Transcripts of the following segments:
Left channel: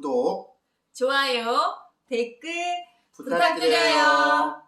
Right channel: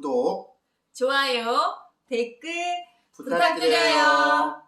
구독, 좋아요, 댓글 부탁드려요.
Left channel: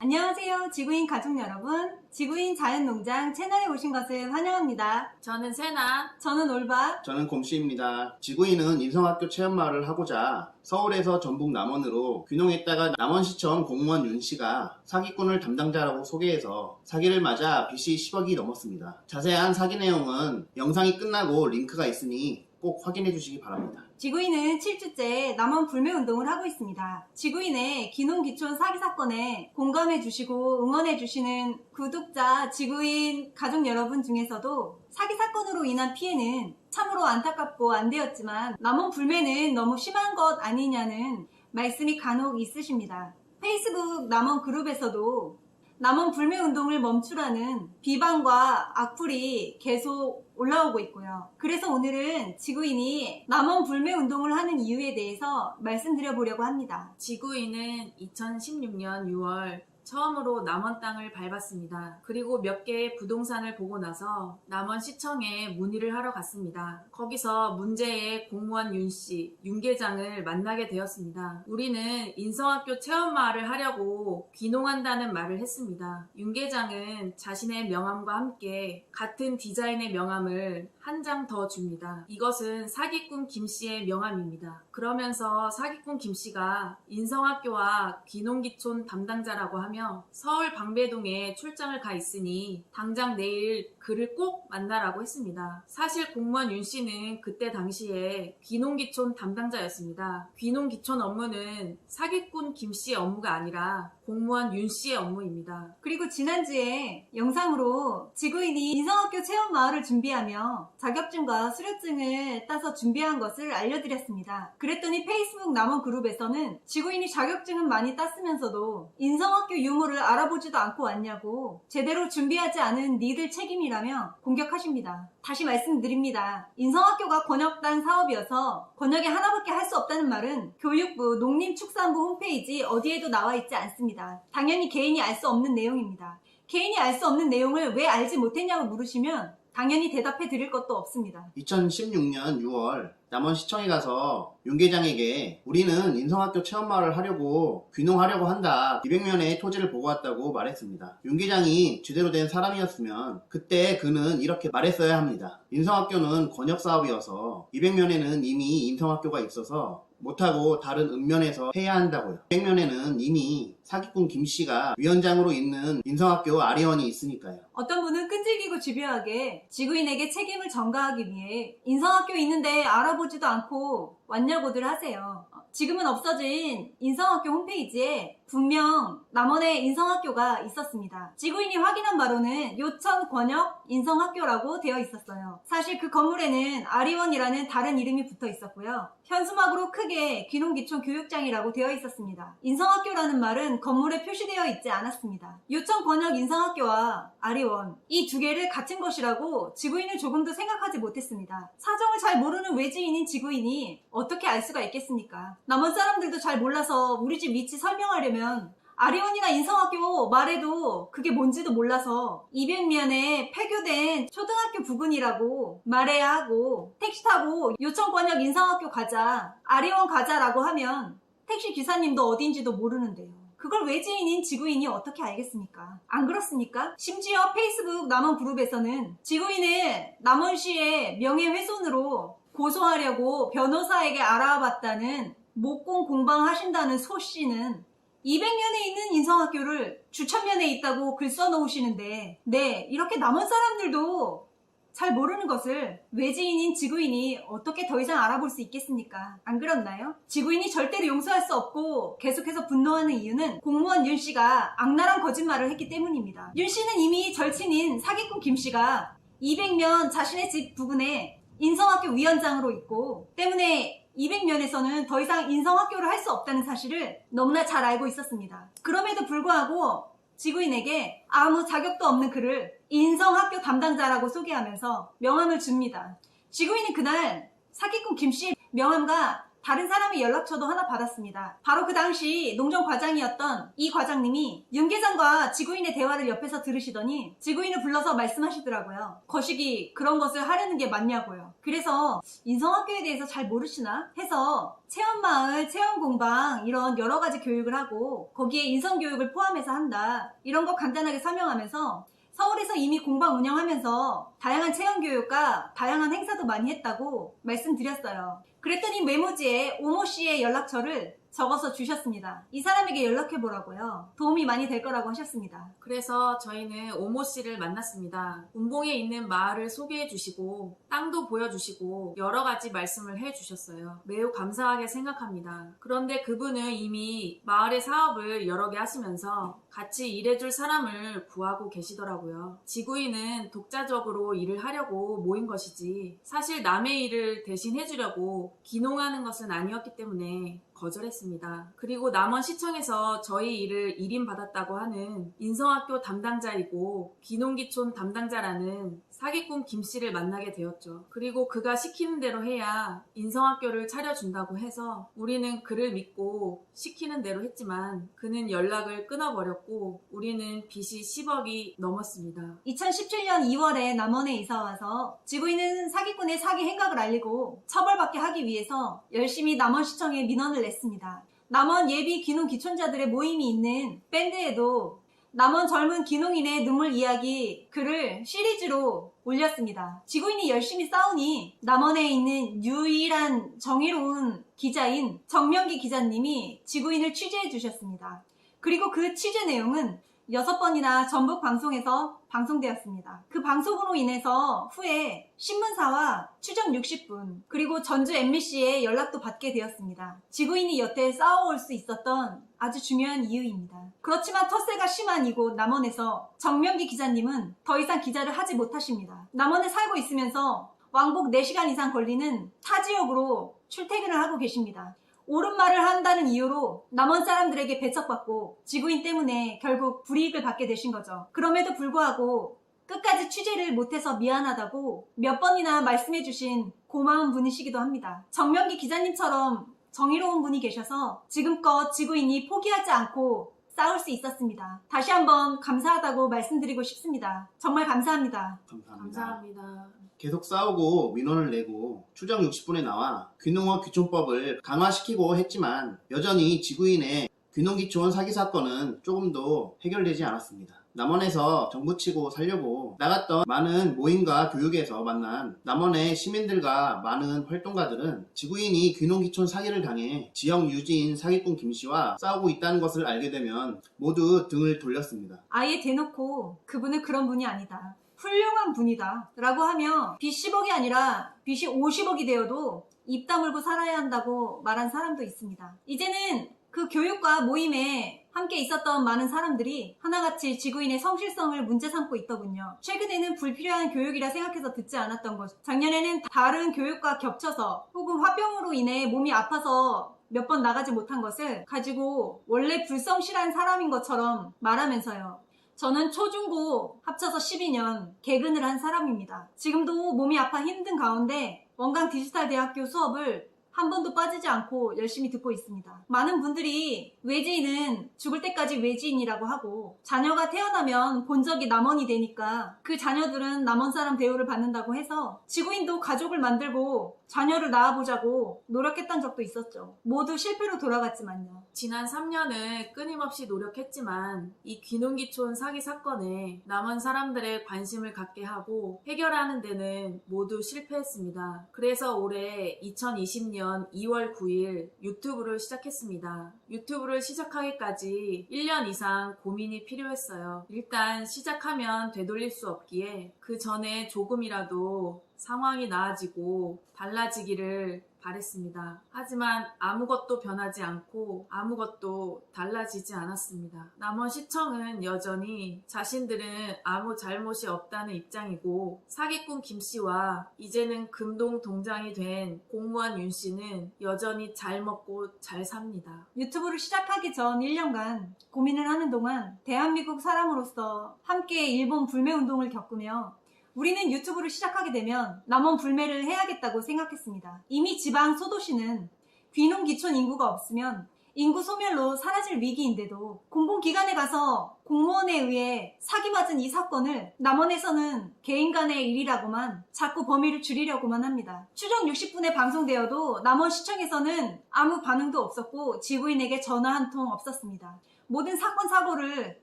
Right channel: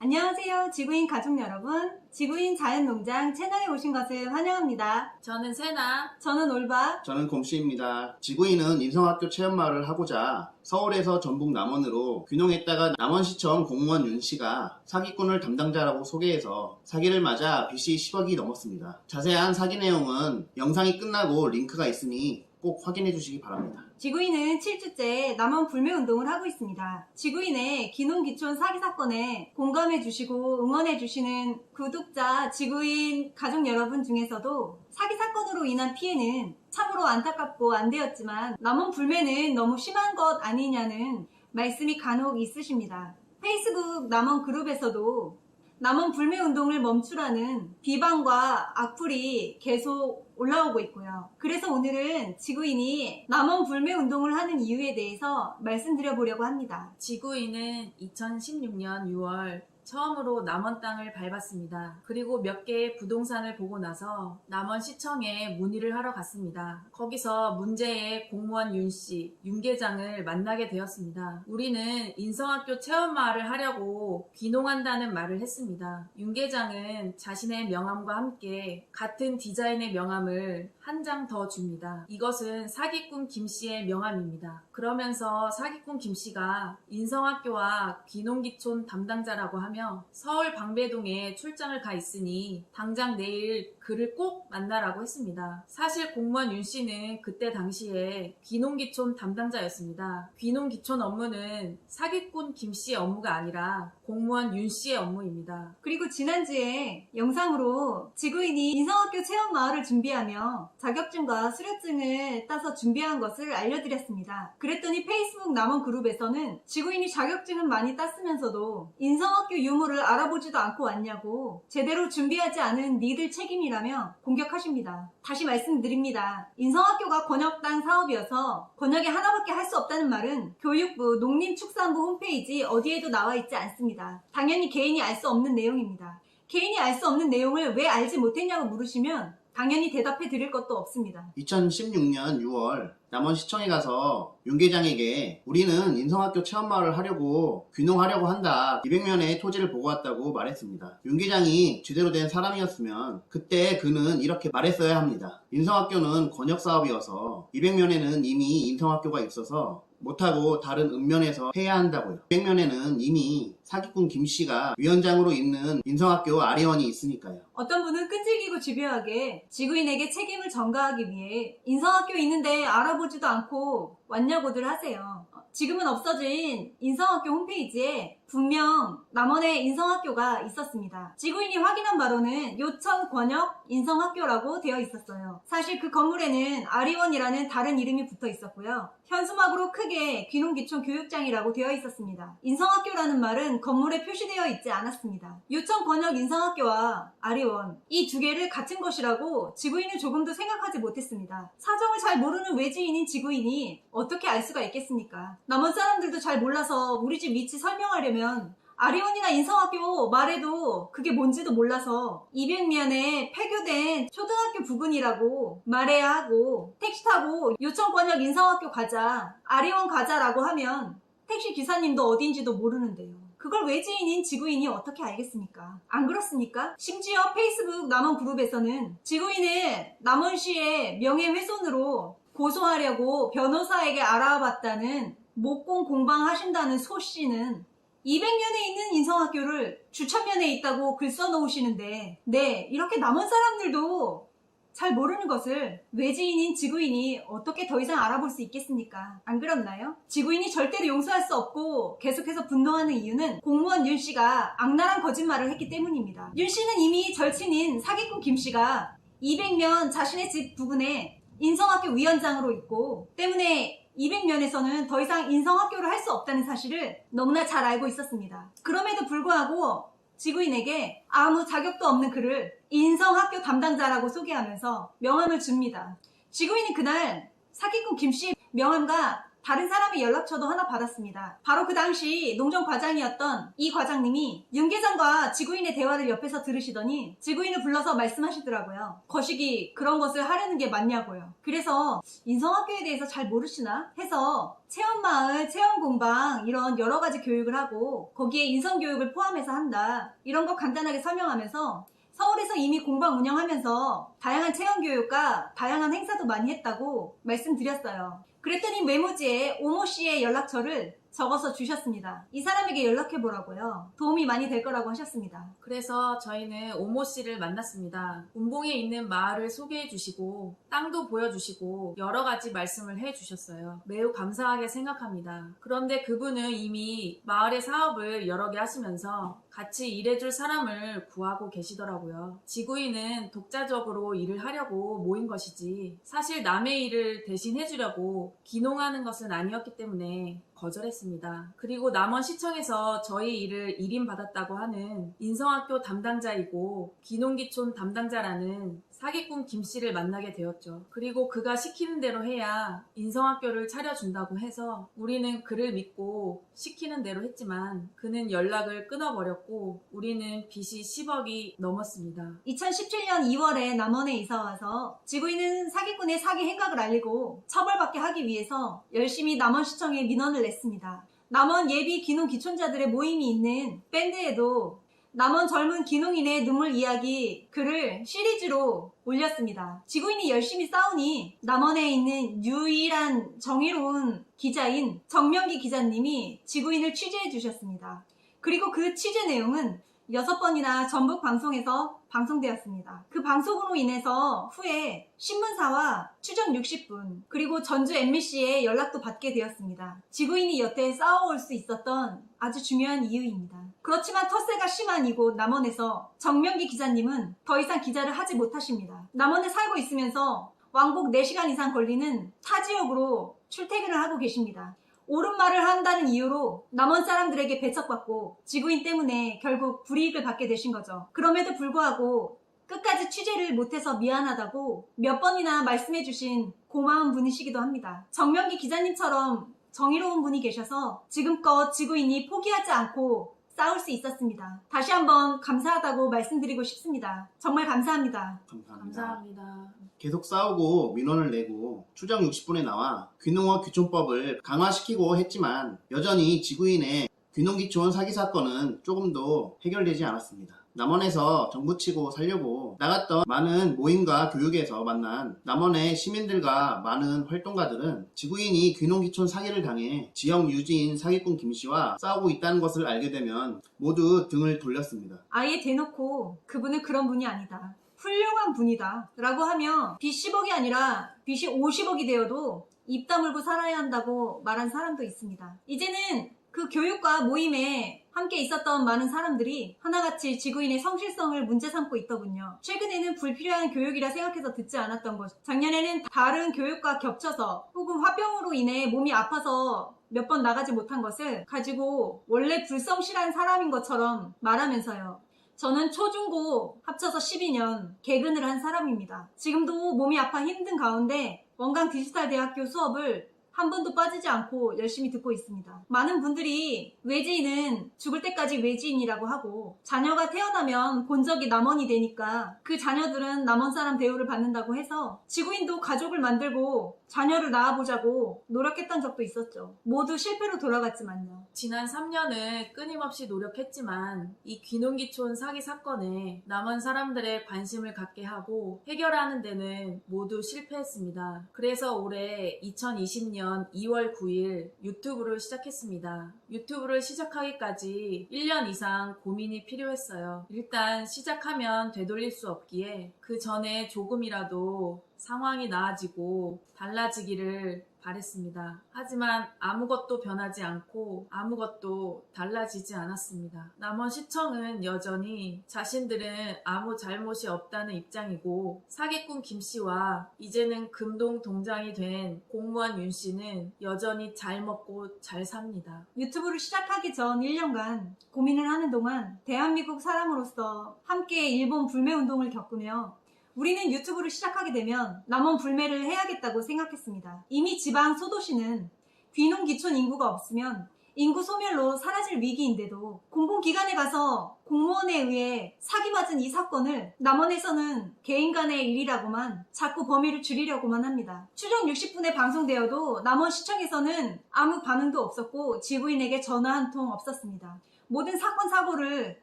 안녕하세요, 지구인 가족 여러분. 지구인 자연농장 채널에 오신 것을 환영합니다. 저는 세나. 저는 올바. 저는 곰씨입니다. 지구인은 인성학교 체험마을을 하고자 서울에서 전북 남원으로 귀농했다가 남원시청 공무원 윤씨가 사기꾼을 담당자라고 소개해서 사기를 맞아 빚이 10억이 넘었습니다. 자세한 사기 내용은 영상이 끝나고 링크가 있으니 꼭 확인해 주시기 바랍니다. 지구인은 7주째 남원 불매운동을 하고 있습니다. 지구인의 귀농귀촌 사기 사건에 공감해 주시고 응원해 주시는 구독자 지구인 가족 여러분 중에서도 사기 사건으로 인한 피해는 참으로 안타깝고 안 되었지만 남원 불매는 너무 심한 것 아니냐는 말씀이 간혹 있으십니다. 페이스북 남원 그룹에서도 남원 불매운동을 멈추라는 비방과 악플이 계속 올라오고 있고요. 그래서 오늘은 지구인이 남원 불매운동을 하는 이유에 대해서 말씀드려보려고 합니다. 지구인은 2016년 6월 처음으로 남원 땅을 밟았습니다. 그리고 몇 개의 부동산을 보고 나서 남원시청에 문의를 하러 갔습니다. 거기서 문제의 공무원 윤씨, 윤계장을 만나게 되었습니다. 우리는 인성학교 체험마을을 하려고 귀농한다는 말을 했습니다. 윤계장은 자신의 명함과 함께 같은 디자인의 명함을 한 장 더 줍니다. 이것은 사기꾼 김씨의 명함입니다. 그러면서 사기꾼 김씨가 인성학교와 귀농귀촌 담당자라고 하며 서울 방배동에 출장을 가 있으니 당장 내일 그를 꼭 만나라고 했습니다. 사실 공무원 윤씨는 그때 당시에 귀농귀촌 담당자였습니다. 귀농귀촌 업무는 사기꾼 김씨의 업무가 아니라 공무원 윤씨의 업무입니다. 그리고 지난주에 영상으로 지구인이 인성학교 체험마을을 준비하며 자격증과 수료증을 따서 준비한 것을 알려드렸습니다. 그랬더니 페이스북 남원 그룹에서는 지구인이 자격증은 많이 땄으면서도 인성학교 유무를 알아보지도 않고 왔냐고 제대로 준비하지 않은 니들 책임이라며 공격하십니다. 다시 말씀드립니다. 인성학교가 권역단 사업이어서 권역에 하나밖에 할 수 없다는 말은 교육부, 농림축산부 홈페이지 어디에도 나와 있지 않습니다. 당연히 개인이 알 수 없는 내용입니다. 개인이 알 수 없는 내용을 왜 알지 못했냐고 물으시면 당연히 대답해 드릴 것도 없습니다. 2016년 6월 남원시청에 가서 윤계장에게 우리는 인성학교 체험마을을 하려고 귀농하려고 한다. 200면의 토지를 보고 왔다고 말했습니다. 윤계장이 제대로 된 사람이었으면 그때 그는 이렇게 말했어야 합니다. 인성학교는 권역사업이어서 200면에는 이미 인성학교가 있어서 못하고 다른 읍면에서 해야 한다고요. 200면에는 이미 사기꾼 김씨가 위원장으로 있는 인성학교 아리원이 있으니까요. 어떤 분은 끈질기고 집요하게 지구인에게 책임을 전가하기 위해 인성학교 있는데 알아보지도 않고 왔냐고들 하세요. 지금은 없어진 인성학교 홈페이지에 분명 남원에 인성학교가 있었습니다. 지구인이 확인한 바로는 요천 권역 인성학교라고 되어 있었어요. 사실 그 건물에는 아리원이라는 다른 이름이 붙어 있었고요. 현수막으로 크게 귀농귀촌 교육장이라고 되어 있었습니다. 인성학교라는 말은 건물에 표시되어 있지 않았습니다. 요천 권역 인성학교와 아리원 이 두 개를 같은 것이라고 지구인은 조금도 생각하지 못했습니다. 사정을 잘 모르는 외지인인 지구인이 어떻게 알 수가 있겠습니까? 남원 사람들도 잘 몰라서 우리 집 위치 설명하려면 아리원이나 인성학교 말해도 그게 뭔지도 몰라서 200면에 폐교된 초등학교 부근이라고 말해야 하고 택시 타고 요천권역 인성학교 가자, 아리원 가자라고 하면 택시 기사님도 어딘지도 모르는데요. 그걸 외지인인 지구인이 어떻게 알겠습니까? 안 그렇습니까? 심지어 페이스북 남원 그룹에서는 지구인을 남원시의 명예훼손으로 고소하려고 변호사에게 알아봤다는 목공 공방하신다는 소씨는 200년에 있는 인성학교를 주천면에 있다고 글 써놓으시는데 네, 이렇게 남원 사람들도 잘 모르는 것을 외지인인 지구인이 어떻게 더 이상 알아볼 수 있겠습니까? 안 그렇나요? 지구인이 절대로 용서할 수 없고 계속해서 분노하는 이유는 공무원 윤씨가 악랄한 거짓말을 했기 때문입니다. 윤씨는 이미 절친인 사기꾼 김씨가 200면 자신의 집 부근에 인성학교 위원장으로 있고 때문에 200면에서는 더 이상 인성학교를 할 수 없다는 사실을 너무나 잘 알고 있었습니다. 그럼에도 불구하고 지구인에게 아무 자격도 없는 그를 인성학교 담당자라고 소개하면서 명함을 줍니다. 지구인은 그날 사기꾼 김씨 명함과 다른 사람의 연락처도 하나 받았습니다. 바로 그 당시 농정과장이었던 이 과장님이 윤계장과 지구인의 대화를 옆에서 들으시더니 지구인을 불러서 말씀하시더라고요. 거시기 그런 것을 하려는 게 맞냐고요. 그래서 인성학교에 대해서 잘 모르시나 해서 체험마을, 체험공방 이런 여러 가지 교육을 하고 거기에 인성교육을 포함해서 한다. 이런 거 간단하게 설명하면서 서울에서 이미 공방 운영하면서 다양한 체험교육과 다양한 행사도 많이 했다고 말씀드렸어요. 그랬더니 메모지에 오모 씨의 연락처를 적어서 주셨습니다. 이 사람에게 연락해보라고요. 도움이 많이 될 거라고 하셨습니다. 그래서 저희는 오모 씨를 만났습니다. 운봉에 있는 마을을 소개해 주시고 땅도 보여주시고 여러 가지 말씀을 해 주셨어요. 매우 감사하게 생각합니다. 그런데 그분은 이미 마을의 사업을 여러 개 하시면서 같이 일해줄 사람을 구하고 계시더라고요. 지구인은 독자적으로 일을 하려고 모인 것이지 사실 남의 일을 대신 해주려고 귀농하는 것은 아니었기 때문에 거절했습니다. 그리고 남원시청에서 저희 일을 일임받았다고 하는 인성학교 담당자이고 귀농귀촌 담당자라는 사기꾼 김씨를 만나게 되었죠. 그리고 그가 시키는 대로 해야 인성학교를 차려준다고 해서 우리는 그를 믿고 시키는 대로 했지만 그는 연락을 끊어버렸고 우리는 빚이 10억이 넘었습니다. 2017년 2월에 남원에 이사와서 지구인은 사기꾼의 사기 행각을 알리고 처벌받게 하기 위해서 열심히 남원시청에 민원을 냈습니다. 남원 예비 귀농 귀촌자들의 모임이 있는 밴드에도 남원 젊은 귀농인의 눈물 이야기 글을 시리즈로 올렸습니다. 지구인이 열심히 싸우니 남원에 있는 유일한 정의로운 기자인 정명기 기자님이 지구인을 취재해 주셨습니다. 그리고 그 취재 내용은 6번이나 전북 방송에서 방송되었습니다. 그 방송으로 인해서 후에 신문사와 추정 60분 그리고 전주 MBC의 연락도 받게 되었습니다. 지구인이 여태 싸워올 수 있었던 아주 중요한 이유입니다. 그렇지만 텃세가 심한 이곳 남원에서 정명기 기자님은 더 이상 기자를 하지 못하십니다. 남원에 살고 있으면서 왕복 4시간 이상 걸리는 타 지역으로 출퇴근을 하고 계십니다. 옳은 말을 한다는 이유로 남원 사람들에게 배척받고 지구인 때문에 결국 불이익을 받게 되신 거죠. 그럼에도 불구하고 끝까지 취재를 못해서 미안하다고 몇 번이나 말씀해주신 고마운 분이시기도 합니다. 정명기 기자님처럼 정의로운 분이 계셔서 지금껏 지구인이 포기하지 않고 싸울 수 있었습니다. 다시 한번 감사하다고 말씀드리고 싶습니다. 정말 감사합니다. 감사합니다. 계속 싸우고 민원을 내고 추정 60분에 나와 귀농어 귀촌법을 강화시키고 했지만 여전히 지구인의 귀농귀촌 사기 사건은 조금도 해결되지 않았습니다. 남원에서 정부 치고 살려고 나갔던 많은 모임과 교육에서 만난 남원의 시민들과 많은 활동가들은 지구인이 귀농귀촌 사기를 당해 지역 유지인 사기꾼 김씨와 싸우고 있다는 것을 알게 되면 모두 등을 돌렸습니다. 아예 대놓고 그분은 그런 분이 아니다. 훌륭한 분이다 라고 하며 빚 10억이 아니라 빚이 50억이 되어도 입 다물고 살아야 한다고 말한 사람도 있습니다. 이제는 그 교육과 모임에 함께 있었던 많은 사람들이 하나같이 지구인의 성실성을 문제 삼고 있더군요. 최근에는 불필요한 교육이라 생각해서 듣지 않았던 것, 작년에는 다른 교육과 겹쳐서 혹은 화병으로 인해 몸이 아파서 몇 번 나가지 못한 것을 가지고 원래 불성실한 사람인 것처럼 말하면서요. 저는 초중고 합쳐서 12년 개근을 한 사람입니다. 지금도 몸이 아파 힘든 가운데 원광 디지털대학교 수업을 한 번도 빠지지 않고 열심히 듣고 있습니다. 많은 분들이 외지인은 죽을 때까지 외지인이라고 하고 자녀가 태어나면 본적이 남원이 되니까 그 자녀들은 남원 사람 대우를 받는다고 해서 지구인도 가족을 만들고 자녀를 낳아보자고 노력했던 적도 있었죠. 모두 실패로 돌아갔지만요. 지난 3년을 끊임없이 노력했지만 이 귀농귀촌 사기 사건에 남원 사람들의 관심을 갖게 하고 해결하는 데는 모두 실패했습니다. 그래서 올해 2020년 2월 9일 유튜브를 시작했습니다. 유튜브를 시작하기까지 1년 이상 고민이 필요했어요. 일단 시작하면 되돌릴 수 없기에 그 전에 조금이라도 상황이 나아지고 달라지기를 바랬습니다. 하지만 아무것도 변하지 않고 아무것도 달라지지 않았습니다. 남원시청은 여전히 자신들은 아무 잘못이 없다는 입장이고 사기꾼 김씨와 이제는 금동 동장이 된 공무원 윤씨는 여전히 잘 먹고 잘 삽니다. 유튜브를 시작하기 전 1년간 고민을 하는 동안 대한민국 사람으로서 함께 일본 불매운동을 겪으며 우리는 유튜브를 시작하게 되면 남원 불매를 해야겠다고 생각했습니다. 이미 지방 소도시는 귀농귀촌 인구가 없으면 인구 소멸로 사라질 위기인데도 공공기관에 가서 공무원에 의해 사기맞은 이 사건을 남원에서는 개인 간의 일이라고만 자꾸 범위를 줄이려고만 합니다. 추정 60분에 방송되어도 남원시청에서는 아무 반응도 없었고 지구인에게 전화 한 통 없었습니다. 모든 사건 사고를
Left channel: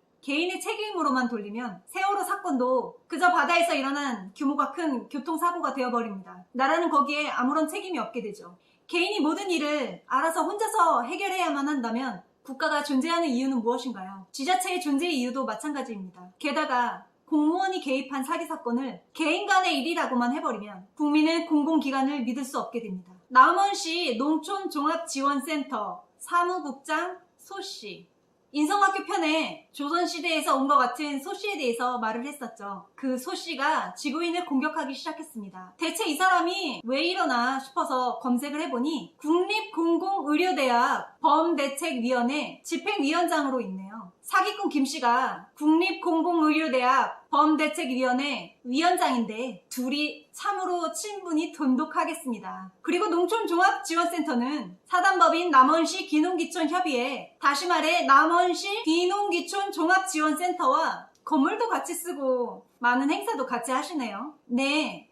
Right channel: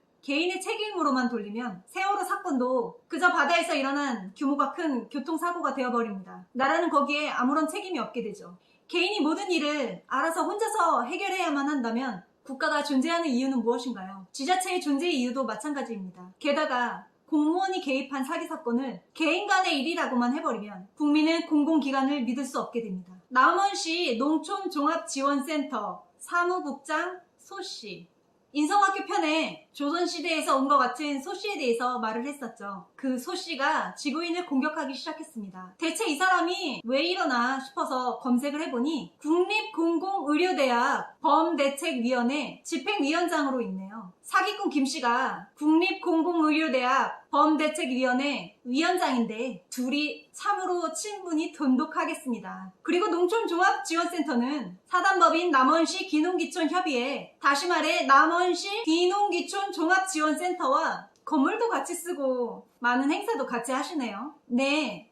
개인의 책임으로만 돌리면 세월호 사건도 그저 바다에서 일어난 규모가 큰 교통사고가 되어버립니다. 나라는 거기에 아무런 책임이 없게 되죠. 개인이 모든 일을 알아서 혼자서 해결해야만 한다면 국가가 존재하는 이유는 무엇인가요? 지자체의 존재의 이유도 마찬가지입니다. 게다가 공무원이 개입한 사기 사건을 개인 간의 일이라고만 해버리면 국민은 공공기관을 믿을 수 없게 됩니다. 남원시 농촌종합지원센터 사무국장 소씨, 인성학교 편에 조선시대에서 온 것 같은 소씨에 대해서 말을 했었죠. 그 소씨가 지구인을 공격하기 시작했습니다. 대체 이 사람이 왜 이러나 싶어서 검색을 해보니 국립공공의료대학 범대책위원회 집행위원장으로 있네요. 사기꾼 김씨가 국립공공의료대학 범대책위원회 위원장인데 둘이 참으로 친분이 돈독하겠습니다. 그리고 농촌종합지원센터는 사단법인 남원시 귀농귀촌협의회, 다시 말해 남원시 귀농귀촌 종합지원센터와 건물도 같이 쓰고 많은 행사도 같이 하시네요. 네,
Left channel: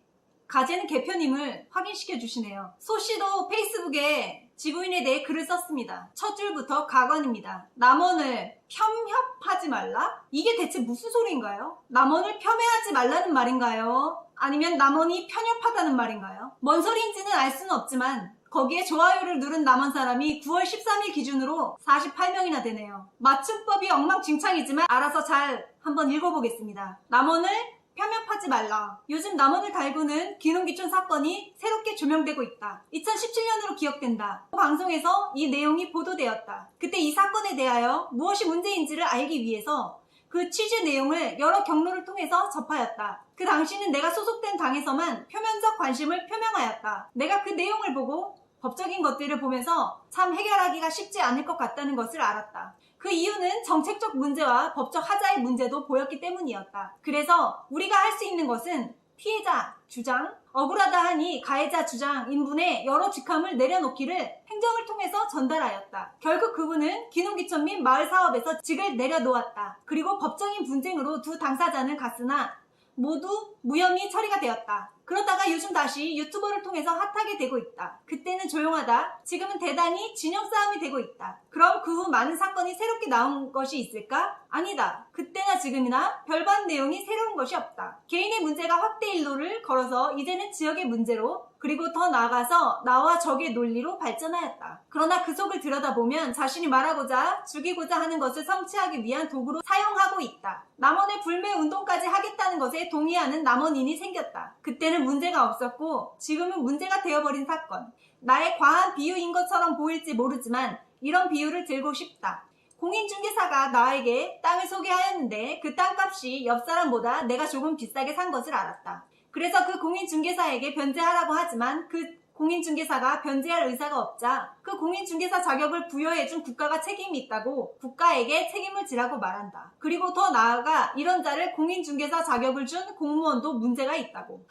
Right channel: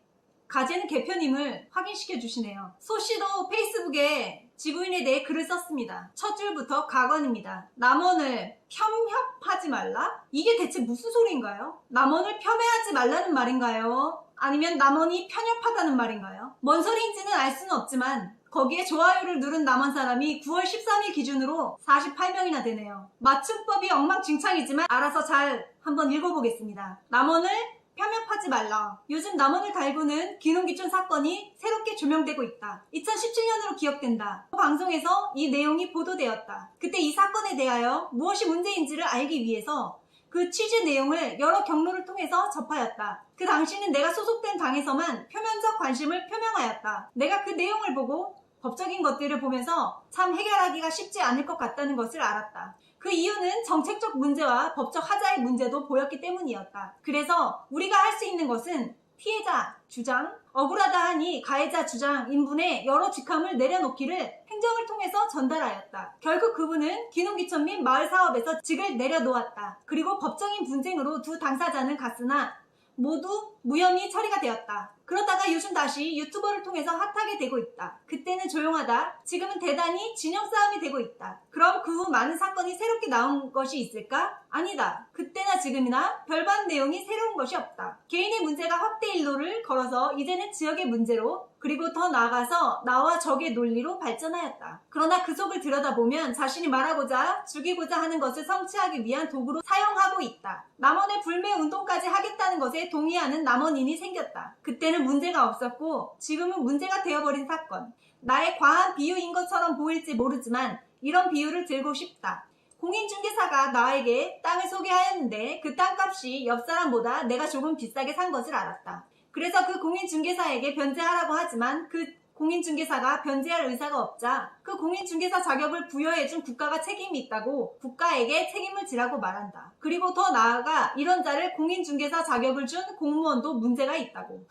가재는 개표님을 확인시켜 주시네요. 소씨도 페이스북에 지구인에 대해 글을 썼습니다. 첫 줄부터 가관입니다. 남원을 폄협하지 말라? 이게 대체 무슨 소리인가요? 남원을 폄훼하지 말라는 말인가요? 아니면 남원이 편협하다는 말인가요? 뭔 소리인지는 알 수는 없지만 거기에 좋아요를 누른 남원 사람이 9월 13일 기준으로 48명이나 되네요. 맞춤법이 엉망진창이지만 알아서 잘 한번 읽어보겠습니다. 남원을 폄협하지 말라. 요즘 남원을 달구는 귀농귀촌 사건이 새롭게 조명되고 있다. 2017년으로 기억된다. 방송에서 이 내용이 보도되었다. 그때 이 사건에 대하여 무엇이 문제인지를 알기 위해서 그 취재 내용을 여러 경로를 통해서 접하였다. 그 당시는 내가 소속된 당에서만 표면적 관심을 표명하였다. 내가 그 내용을 보고 법적인 것들을 보면서 참 해결하기가 쉽지 않을 것 같다는 것을 알았다. 그 이유는 정책적 문제와 법적 하자의 문제도 보였기 때문이었다. 그래서 우리가 할 수 있는 것은 피해자 주장, 억울하다 하니 가해자 주장 인분의 여러 직함을 내려놓기를 행정을 통해서 전달하였다. 결국 그분은 귀농귀촌 및 마을사업에서 직을 내려놓았다. 그리고 법적인 분쟁으로 두 당사자는 갔으나 모두 무혐의 처리가 되었다. 그러다가 요즘 다시 유튜버를 통해서 핫하게 되고 있다. 그때는 조용하다. 지금은 대단히 진영 싸움이 되고 있다. 그럼 그 후 많은 사건이 새롭게 나온 것이 있을까? 아니다. 그때나 지금이나 별반 내용이 새로운 것이 없다. 개인의 문제가 확대 일로를 걸어서 이제는 지역의 문제로 그리고 더 나아가서 나와 적의 논리로 발전하였다. 그러나 그 속을 들여다보면 자신이 말하고자 죽이고자 하는 것을 성취하기 위한 도구로 사용하고 있다. 남원의 불매운동까지 하겠다는 것에 동의하는 남원인이 생겼다. 그때는 문제가 없었고 지금은 문제가 되어버린 사건. 나의 과한 비유인 것처럼 보일지 모르지만 이런 비유를 들고 싶다. 공인중개사가 나에게 땅을 소개하였는데 그 땅값이 옆 사람보다 내가 조금 비싸게 산 것을 알았다. 그래서 그 공인중개사에게 변제하라고 하지만 그 공인중개사가 변제할 의사가 없자 그 공인중개사 자격을 부여해준 국가가 책임이 있다고 국가에게 책임을 지라고 말한다. 그리고 더 나아가 이런 자를 공인중개사 자격을 준 공무원도 문제가 있다고.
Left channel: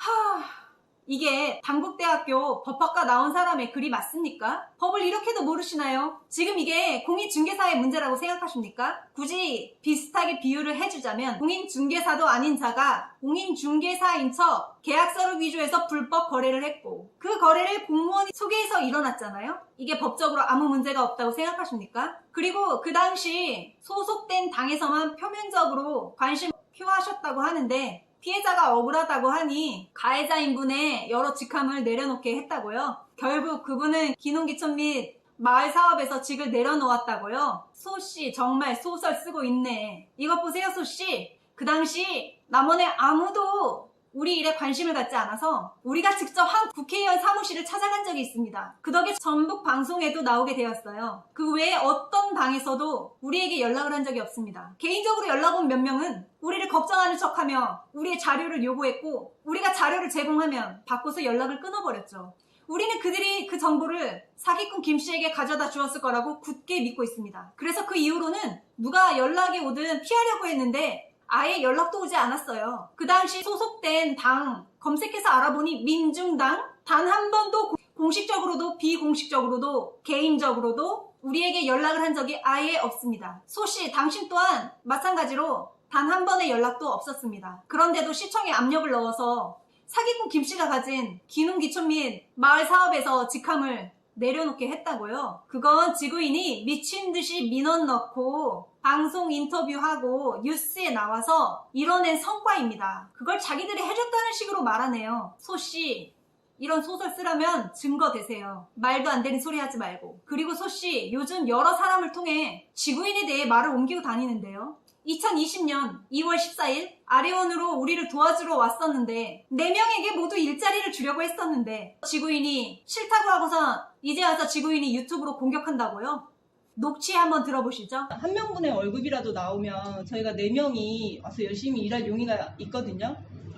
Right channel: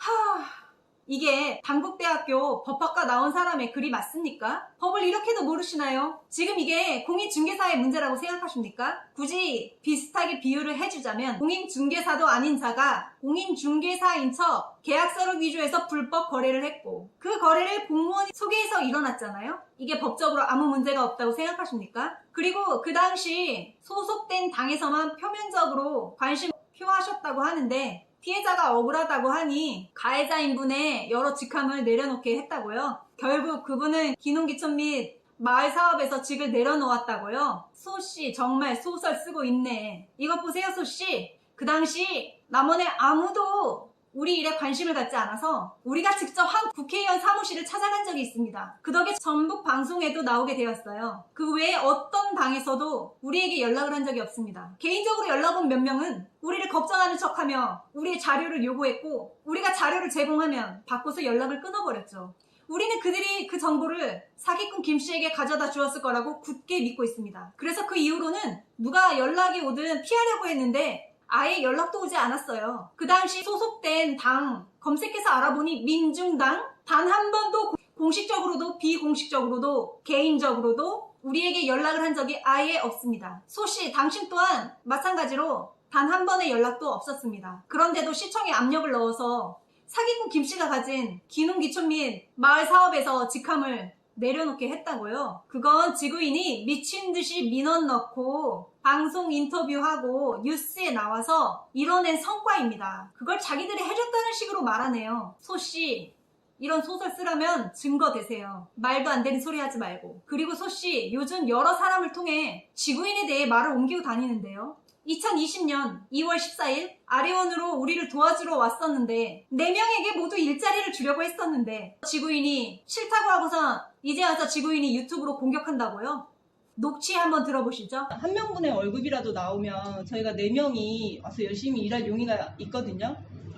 이게 단국대학교 법학과 나온 사람의 글이 맞습니까? 법을 이렇게도 모르시나요? 지금 이게 공인중개사의 문제라고 생각하십니까? 굳이 비슷하게 비유를 해주자면 공인중개사도 아닌 자가 공인중개사인 척 계약서를 위조해서 불법 거래를 했고 그 거래를 공무원이 소개해서 일어났잖아요? 이게 법적으로 아무 문제가 없다고 생각하십니까? 그리고 그 당시 소속된 당에서만 표면적으로 관심 표하셨다고 하는데 피해자가 억울하다고 하니 가해자 인분의 여러 직함을 내려놓게 했다고요. 결국 그분은 귀농귀촌 및 마을 사업에서 직을 내려놓았다고요. 소씨 정말 소설 쓰고 있네. 이것 보세요 소씨. 그 당시 남원에 아무도 우리 일에 관심을 갖지 않아서 우리가 직접 한 국회의원 사무실을 찾아간 적이 있습니다. 그 덕에 전북 방송에도 나오게 되었어요. 그 외에 어떤 당에서도 우리에게 연락을 한 적이 없습니다. 개인적으로 연락 온 몇 명은 우리를 걱정하는 척하며 우리의 자료를 요구했고 우리가 자료를 제공하면 받고서 연락을 끊어버렸죠. 우리는 그들이 그 정보를 사기꾼 김씨에게 가져다 주었을 거라고 굳게 믿고 있습니다. 그래서 그 이후로는 누가 연락이 오든 피하려고 했는데 아예 연락도 오지 않았어요. 그 당시 소속된 당 검색해서 알아보니 민중당 단 한 번도 공식적으로도 비공식적으로도 개인적으로도 우리에게 연락을 한 적이 아예 없습니다. 소씨, 당신 또한 마찬가지로 단 한 번의 연락도 없었습니다. 그런데도 시청에 압력을 넣어서 사기꾼 김씨가 가진 기농기촌 및 마을 사업에서 직함을 내려놓게 했다고요. 그건 지구인이 미친 듯이 민원 넣고 방송 인터뷰하고 뉴스에 나와서 이뤄낸 성과입니다. 그걸 자기들이 해줬다는 식으로 말하네요. 소씨, 이런 소설 쓰라면 증거 대세요. 말도 안 되는 소리 하지 말고. 그리고 소씨, 요즘 여러 사람을 통해 지구인에 대해 말을 옮기고 다니는데요. 2020년 2월 14일 아래원으로 우리를 도와주러 왔었는데 4명에게 모두 일자리를 주려고 했었는데 지구인이 싫다고 하고선 이제 와서 지구인이 유튜브로 공격한다고요? 녹취 한번 들어보시죠. 한 명분의 월급이라도 나오면 저희가 4명이 와서 열심히 일할 용의가 있거든요.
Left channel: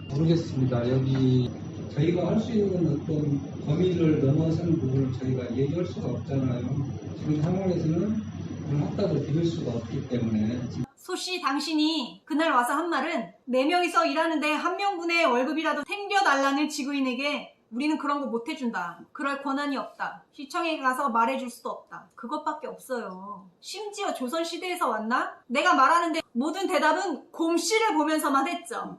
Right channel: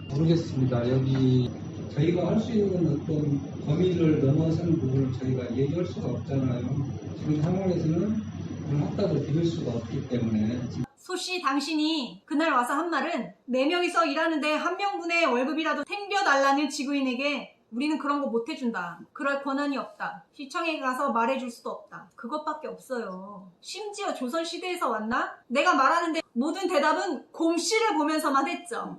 모르겠습니다. 여기 저희가 할 수 있는 어떤 범위를 넘어서는 부분을 저희가 얘기할 수가 없잖아요. 지금 상황에서는 그걸 확답을 드릴 수가 없기 때문에. 소씨, 당신이 그날 와서 한 말은 4명이서 일하는데 한 명분의 월급이라도 챙겨달라는 지구인에게 우리는 그런 거 못 해준다. 그럴 권한이 없다. 시청에 가서 말해줄 수도 없다. 그것밖에 없어요. 심지어 조선시대에서 왔나? 내가 말하는데 모든 대답은 곰씨를 보면서만 했죠.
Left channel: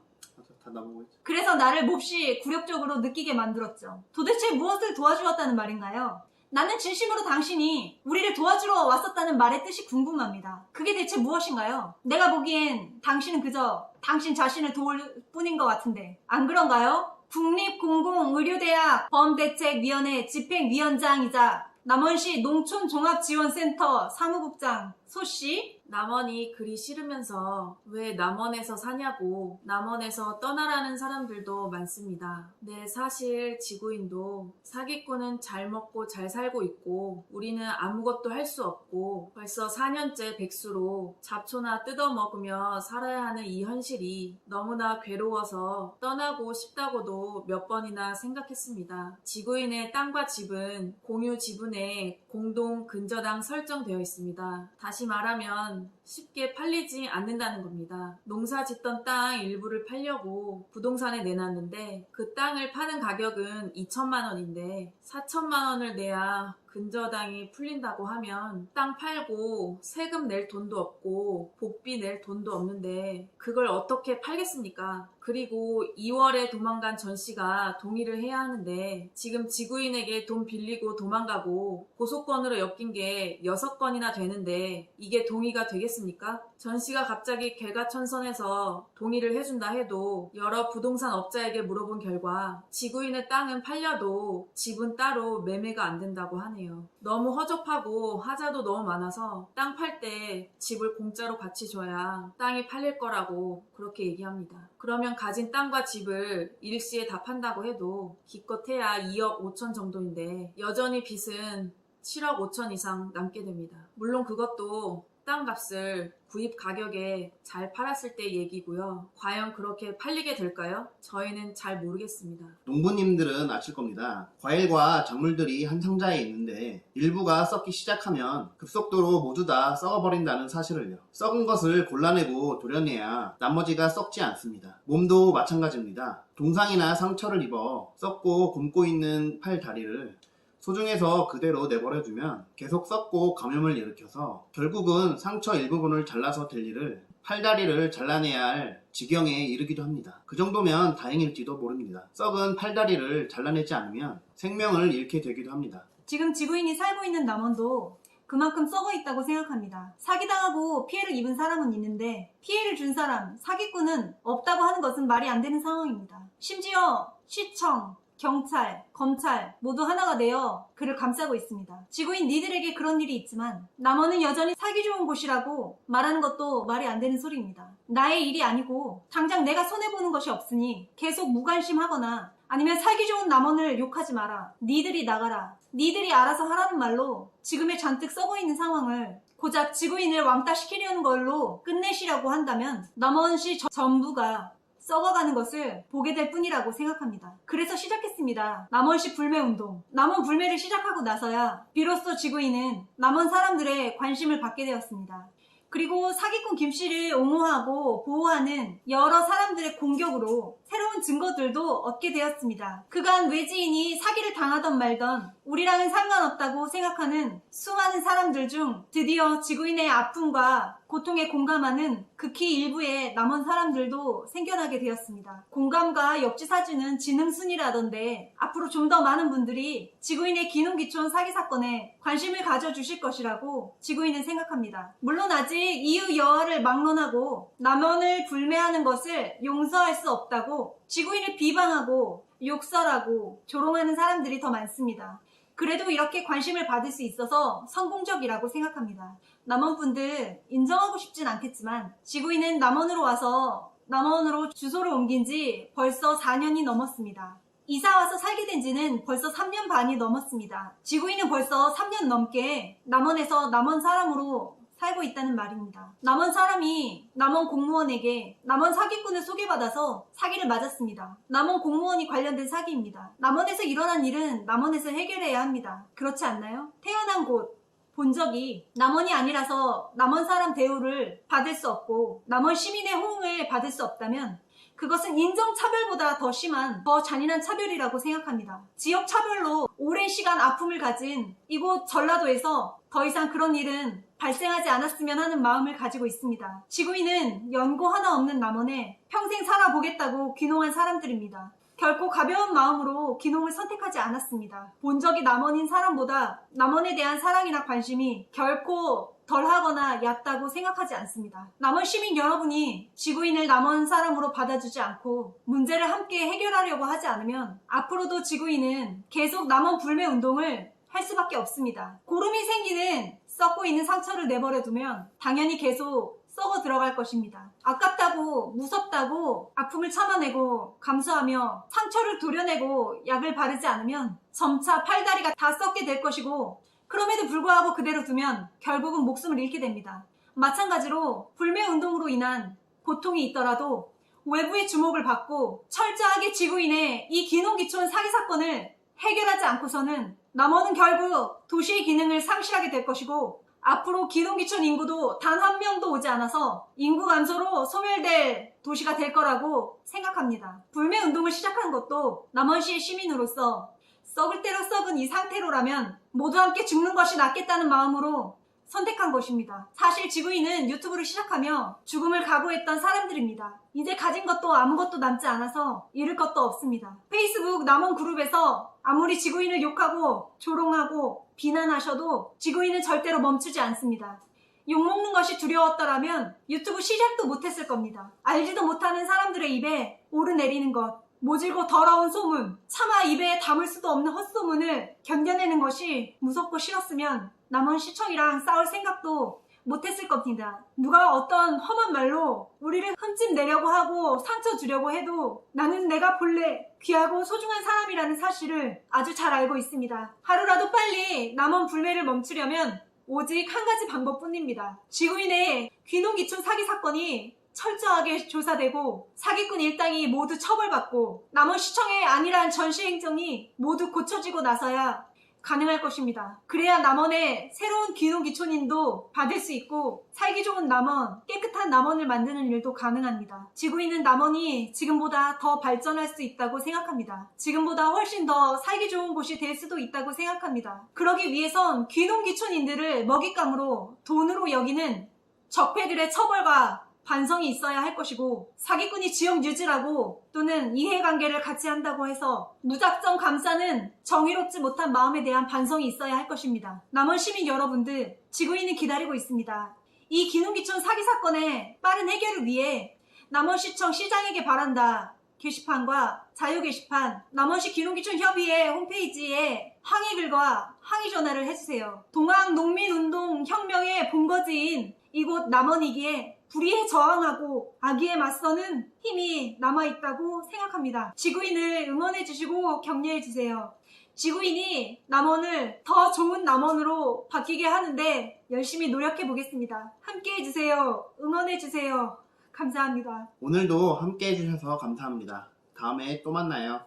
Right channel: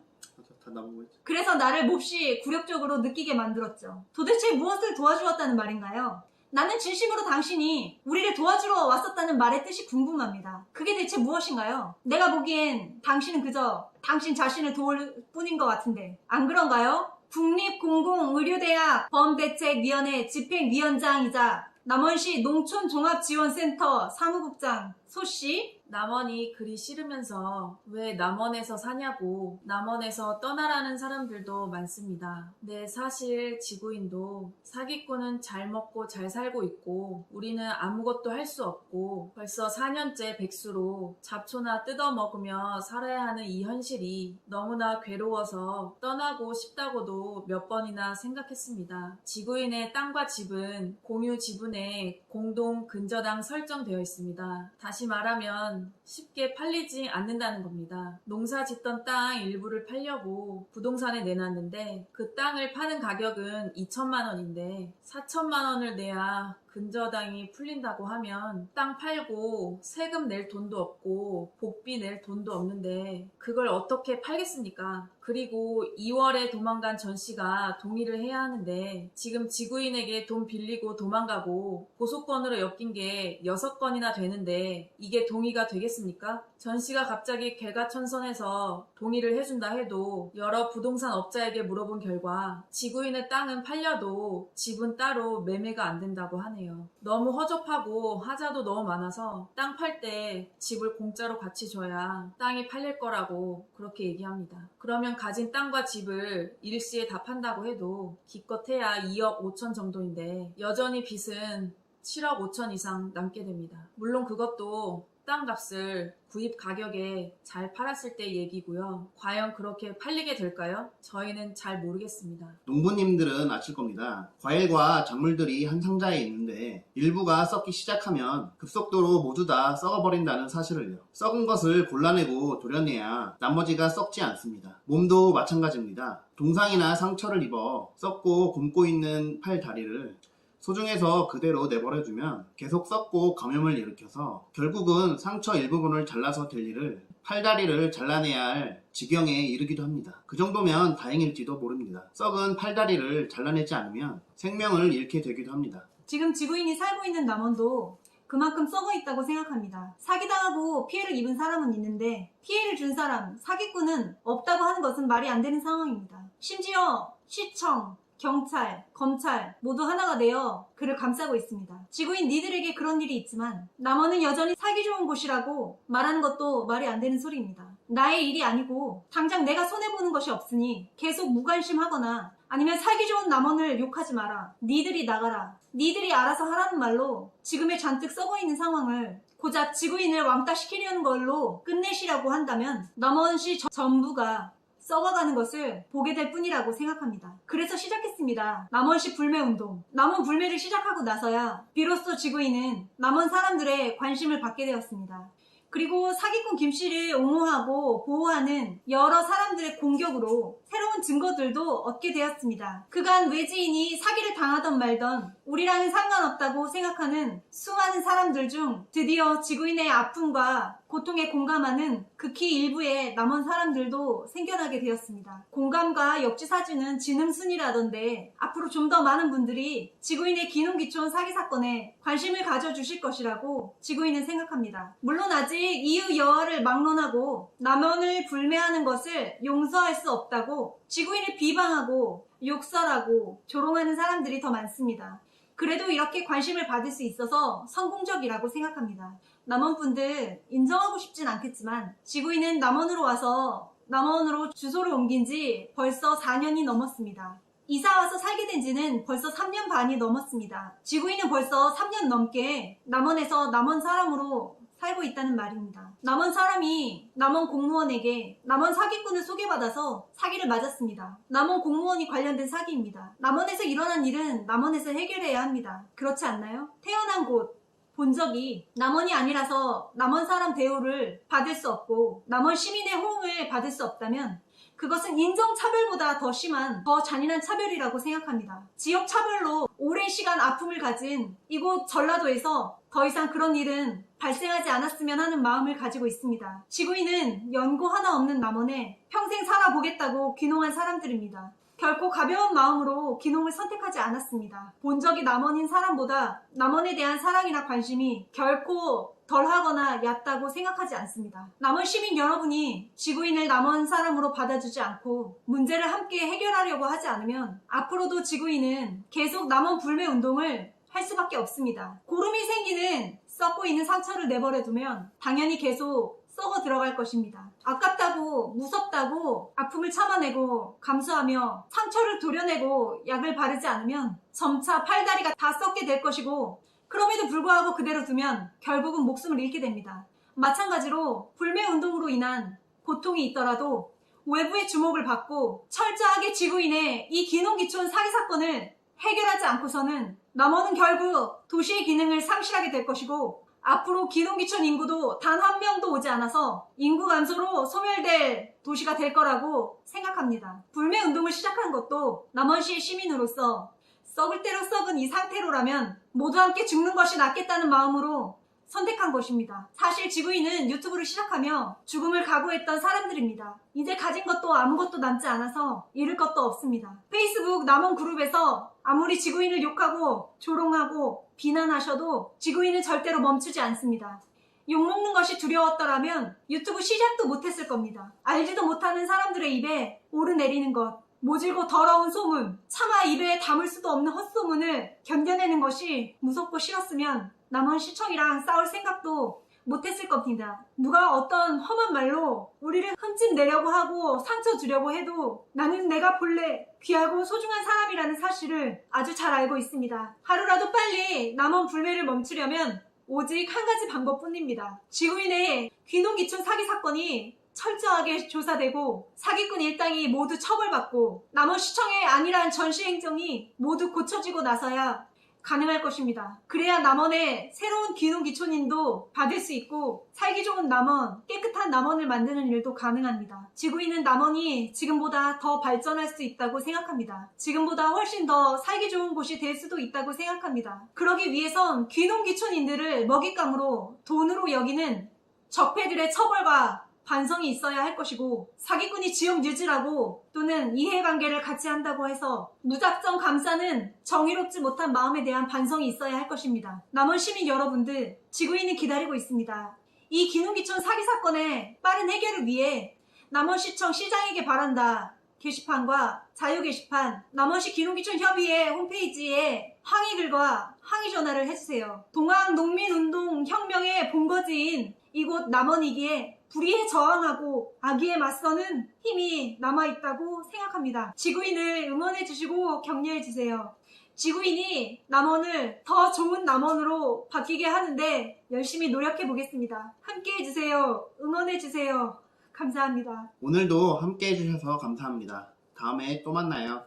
다 나보고 있지. 그래서 나를 몹시 굴욕적으로 느끼게 만들었죠. 도대체 무엇을 도와주었다는 말인가요? 나는 진심으로 당신이 우리를 도와주러 왔었다는 말의 뜻이 궁금합니다. 그게 대체 무엇인가요? 내가 보기엔 당신은 그저 당신 자신을 도울 뿐인 것 같은데 안 그런가요? 국립공공의료대학 범대책위원회 집행위원장이자 남원시 농촌종합지원센터 사무국장 소씨, 남원이 그리 싫으면서 왜 남원에서 사냐고 남원에서 떠나라는 사람들도 많습니다. 네, 사실 지구인도 사기꾼은 잘 먹고 잘 살고 있고 우리는 아무것도 할 수 없고 벌써 4년째 백수로 잡초나 뜯어먹으며 살아야 하는 이 현실이 너무나 괴로워서 떠나고 싶다고도 몇 번이나 생각했습니다. 지구인의 땅과 집은 공유 지분에 공동 근저당 설정되어 있습니다. 다시 말하면 쉽게 팔리지 않는다는 겁니다. 농사 짓던 땅 일부를 팔려고 부동산에 내놨는데 그 땅을 파는 가격은 2천만 원인데 4천만 원을 내야 근저당이 풀린다고 하면 땅 팔고 세금 낼 돈도 없고 복비 낼 돈도 없는데 그걸 어떻게 팔겠습니까? 그리고 2월에 도망간 전 씨가 동의를 해야 하는데 지금 지구인에게 돈 빌리고 도망가고 고소건으로 엮인 게 6건이나 되는데 이게 동의가 되겠습니까? 전 씨가 갑자기 개가천선해서 동의를 해준다 해도 여러 부동산 업자에게 물어본 결과 지구인의 땅은 팔려도 집은 따로 매매가 안 된다고 하네요. 너무 허접하고 하자도 너무 많아서 땅 팔 때 집을 공짜로 같이 줘야 땅이 팔릴 거라고 그렇게 얘기합니다. 그러면 가진 땅과 집을 일시에 다 판다고 해도 기껏해야 2억 5천 정도인데 여전히 빚은 7억 5천 이상 남게 됩니다. 물론 그것도 땅값을 구입 가격에 잘 팔았을 때 얘기고요. 과연 그렇게 팔리게 될까요? 저희는 잘 모르겠습니다. 농부님들은 아실 겁니다. 과일과 작물들이 한 상자에 있는데 일부가 썩기 시작하면 급속도로 모두 다 썩어버린다는 사실을요. 썩은 것을 골라내고 도려내야 나머지가 썩지 않습니다. 몸도 마찬가지입니다. 동상이나 상처를 입어 썩고 굼고 있는 팔 다리를 소중해서 그대로 내버려두면 계속 썩고 감염을 일으켜서 결국은 상처 일부분을 잘라서 될 일을 팔다리를 잘라내야 할 지경에 이르기도 합니다. 그 정도면 다행일지도 모릅니다. 썩은 팔다리를 잘라내지 않으면 생명을 잃게 되기도 합니다. 지금 지구인이 살고 있는 남원도 그만큼 썩어 있다고 생각합니다. 사기당하고 피해를 입은 사람은 있는데 피해를 준 사람, 사기꾼은 없다고 하는 것은 말이 안 되는 상황입니다. 심지어 시청, 경찰, 검찰 모두 하나가 되어 그를 감싸고 있습니다. 지구인 니들에게 그런 일이 있지만 남원은 여전히 살기 좋은 곳이라고 말하는 것도 말이 안 되는 소리입니다. 나의 일이 아니고 당장 내가 손해보는 것이 없으니 계속 무관심하거나 아니면 살기 좋은 남원을 욕하지 마라. 니들이 나가라. 니들이 알아서 하라는 말로 지금의 잔뜩 썩어있는 상황을 고작 지구인을 왕따시키려는 걸로 끝내시라고 한다면 남원시 전부가 썩어가는 것을 보게 될 뿐이라고 생각합니다. 그래서 시작했습니다. 남원시 불매운동. 남원 불매를 시작하고 나서야 비로소 지구인은 남원 사람들의 관심을 받게 되었습니다. 그리고 사기꾼 김씨를 옹호하고 보호하는 여러 사람들의 공격으로 새로운 증거들도 얻게 되었습니다. 그간 외지인이 사기를 당하던 말던 우리랑은 상관없다고 생각하는 수많은 사람들 중 드디어 지구인의 아픔과 고통에 공감하는 극히 일부의 남은 사람들도 생겨나게 되었습니다. 공감과 역지사지는 지능순이라던데 앞으로 좀 더 많은 분들이 지구인의 기농기촌 사기 사건에 관심을 가져주실 것이라고 지구인은 생각합니다. 물론 아직 이유 여하를 막론하고 남원을 불매하는 것을 용서할 수 없다고 지구인을 비방하고 욕설하고 조롱하는 사람들이 더 많습니다. 그래도 이렇게 관심을 받을 수 있어서 성공적이라고 생각합니다. 남원분들 인정하고 싶진 않겠지만 지구인은 남원으로 와서 남원으로 주소를 옮긴 지 벌써 4년이 넘었습니다. 이사와서 살게 된 지는 벌써 3년 반이 넘었습니다. 지구인은 벌써 3년 넘게 남원에서 남원 사람으로 살고 있다는 말입니다. 남원 사람이 남원 공무원에게 남원 사기꾼을 소개받아서 사기를 맞았습니다. 남원 공무원이 관련된 사기입니다. 남원에서 일어난 일은 남원에서 해결해야 합니다. 그렇지 않나요? 태어난 곳, 본적이 남원이 아니라서 남원 사람 대우를 받을 수 없고 남원 시민의 호응을 받을 수 없다면 그것은 인종차별보다 더 심한, 더 잔인한 차별이라고 생각합니다. 지역차별로 오랜 시간 아픔을 가진 이곳 전라도에서 더 이상 그런 일은 발생하지 않았으면 하는 마음을 가지고 있습니다. 지구인은 연고 하나 없는 남원에 평생 살아보겠다고 귀농한 사람들입니다. 결코 가벼운 마음으로 귀농을 선택하지 않았습니다. 본적이 남원인 사람보다 남원에 대한 사랑이나 관심이 결코 덜하거나 얕다고 생각하지 않습니다. 남원 시민 여러분이 지구인을 남원 사람으로 받아주지 않고 문제를 함께 해결하려고 하지 않으면 앞으로도 지구인은 계속 남원 불매 운동을 할 수밖에 없습니다. 고름이 생기는 썩고 있는 상처를 내버려두면 당연히 계속 썩어 들어갈 것입니다. 아깝다고 무섭다고 아픔을 참아내고 감수하며 상처를 도려내고 약을 바르지 않으면 점차 팔다리가 다 썩게 될 것이고 그럼에도 불구하고 그대로 두면 결국은 목숨을 잃게 됩니다. 마찬가지로 불매운동으로 인한 고통이 있더라도 외부의 주목을 받고 철저하게 지구인의 이 기농기촌 사기 사건을 해결하지 않고서는 남원은 결국 도시의 기능을 상실하게 될 것이고 앞으로 기농기촌 인구도 단 한 명도 오지 않아서 인구 감소로 소멸될 도시가 될 거라고 생각합니다. 불매운동을 시작한 것도 남원시의 시민으로서 썩을 대로 썩은 이 상태로라면 모두 함께 죽는 것이 낫겠다는 마음으로 선택한 것입니다. 사실 지구인은 유튜브를 시작하며 죽음을 각오했던 사람들입니다. 이제 가진 것도 아무것도 남지 않아서 잃을 것도 없습니다. 페이스북 남원 그룹에서 아무리 지구인을 욕하고 조롱하고 비난하셔도 지구인은 절대로 멈추지 않습니다. 욕먹는 것이 두려웠더라면 유튜브 시작도 못했을 겁니다. 알지도 못하는 사람들의 입에 오르내리는 것, 모질고 더러운 소문, 차마 입에 담을 수도 없는 헛소문을 견뎌내는 것이 무섭고 싫었으면 남원시청이랑 싸울 생각도 못했을 겁니다. 누가 어떤 험한 말로 우리를 흠집내려고 하고 상처 주려고 해도 나는 내가 본래 귀하고 소중한 사람이라는 사실을 아주 잘 알고 있습니다. 하루라도 빨리 남원 불매를 멈추려면 오직 한 가지 방법뿐입니다. 지구인의 귀농기촌 사기 사건이 철저하게 조사되고 사기꾼 일당이 모두 처벌받고 남원시청의 안일한 전시행정이 모두 고쳐지고 나서야 가능할 것입니다. 그래야 남원의 새로운 귀농귀촌인도 받을 수 있고 살기 좋은 남원, 깨끗한 남원을 만드는 일도 가능합니다. 지구인은 남원이 지금보다 더 발전할 수 있다고 생각합니다. 지금보다 훨씬 더 살기 좋은 곳이 될 수도 있다고 생각합니다. 그러기 위해선 귀농귀촌인들을 먹잇감으로 돈으로 여기는 적폐들의 처벌과 반성이 있어야 할 것이고 사기꾼이 지역 유지라고 또는 이해관계를 같이 한다고 해서 무작정 감싸는 정의롭지 못한 마음에 대한 반성이 있어야 할 것입니다. 남원 시민 여러분들, 지구인은 기다리고 있습니다. 이 기농기촌 사기 사건의 빠른 해결을 위해 남원시청 시장에게 바란다 게시판과 자유 게시판, 남원시 기농기촌 협의회 홈페이지에 항의글과 항의 전화를 해주세요. 동학농민운동혁명의 본거지인 이곳 남원이기에 불의에 저항하고 악의에 맞서는 힘이 남아있다고 생각합니다. 지구인을 응원해주시고 격려해주세요. 지구인이 남원을 더 좋은 남원으로 바뀌게 하는데 열심히 노력해보겠습니다. 함께해주세요. 응원해주세요. 감사합니다. 오늘도 함께 해주셔서 감사합니다. 다음에 또 만나요.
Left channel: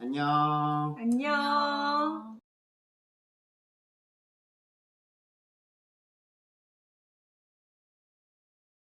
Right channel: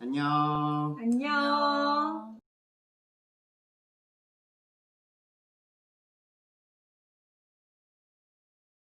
안녕. 안녕.